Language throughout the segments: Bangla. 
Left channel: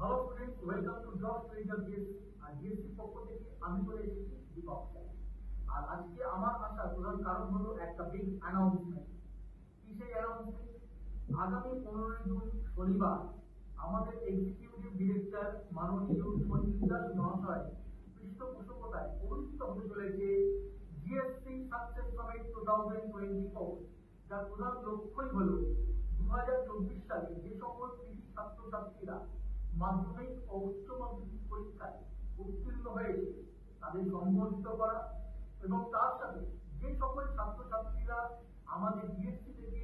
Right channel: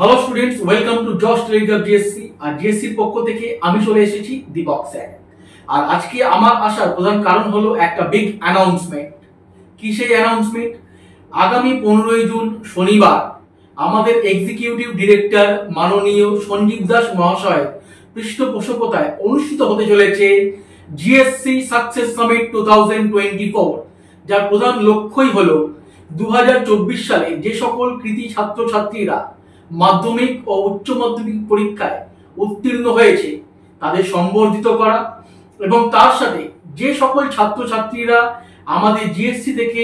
Hello students, welcome to Josh Telegraph GSC. আর জিএসসির পক্ষ থেকে আমি চলে এসেছি দীপক স্যার। আর আজকে আমার আসার প্রধান কারণ হলো একটা বিগ অ্যানাউন্সমেন্ট। কি সেই অ্যানাউন্সমেন্ট? আগামী 15ই জুন শনিবার আমাদের এক্সিকিউটিভ ডিরেক্টর মাননীয় সঞ্জীব দাস মহাশয় পৃষ্ঠপোষকতায় অনুষ্ঠিত হতে চলেছে জিএসসি সাকসেস সামিট 2024, যার প্রধান লক্ষ্যই হলো 2024 সালে যে সকল কৃতি ছাত্রছাত্রীরা মাধ্যমিক ও উচ্চ মাধ্যমিক পরীক্ষায় উত্তীর্ণ হয়েছে তাদের সম্বর্ধিত করা, এবং তার সাথে যে সকল ছাত্রছাত্রীরা আমাদের জিএসসি থেকে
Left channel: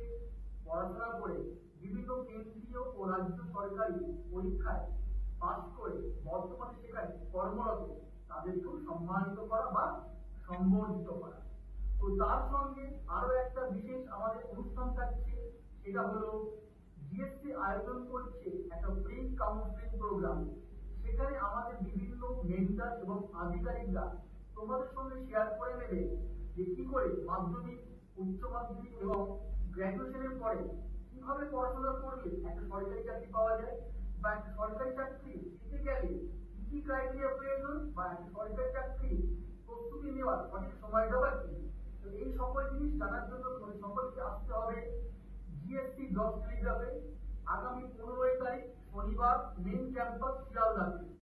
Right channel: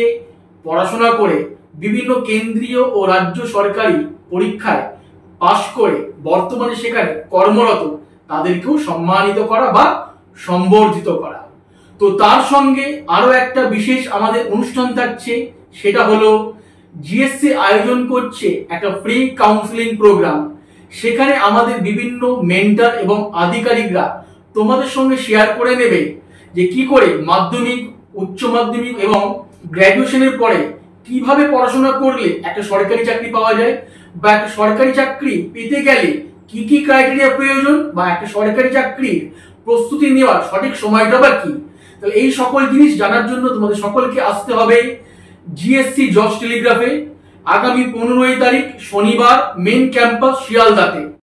পড়াশোনা করে বিভিন্ন কেন্দ্রীয় ও রাজ্য সরকারি পরীক্ষায় পাশ করে বর্তমানে সেখানে কর্মরত তাদেরকেও সম্মানিত করা বা সম্বর্ধিত করা। তো তার সঙ্গে আরো একটা বিশেষ আমাদের অনুষ্ঠান থাকছে, সেটা হলো জিএসসি আয়োজন করছে একটা ফ্রি কাউন্সিলিং প্রোগ্রাম। সেখানে আমাদের বিভিন্ন মেন্টর এবং আধিকারিকরা তোমাদের সঙ্গে শেয়ার করে নেবে যে কি করে মাধ্যমিক, উচ্চ মাধ্যমিক এবং গ্র্যাজুয়েশনের পরে কিভাবে পড়াশোনা করলে একটা সরকারি চাকরি পাওয়া যায়, বা একটা সরকারি চাকরি পেতে গেলে কি কি ক্রাইটেরিয়া প্রয়োজন, বা একটা সরকারি চাকরির প্রস্তুতি নেওয়ার সঠিক সময়টা বা কি। তো এই সকল জিনিস জানার জন্য তোমাদের সকলকে আসতে হবে জিএসসি জশ টেলিগ্রাফে আগামী 15ই তারিখ শনিবার, মেন ক্যাম্পাস শিয়ালদাতে।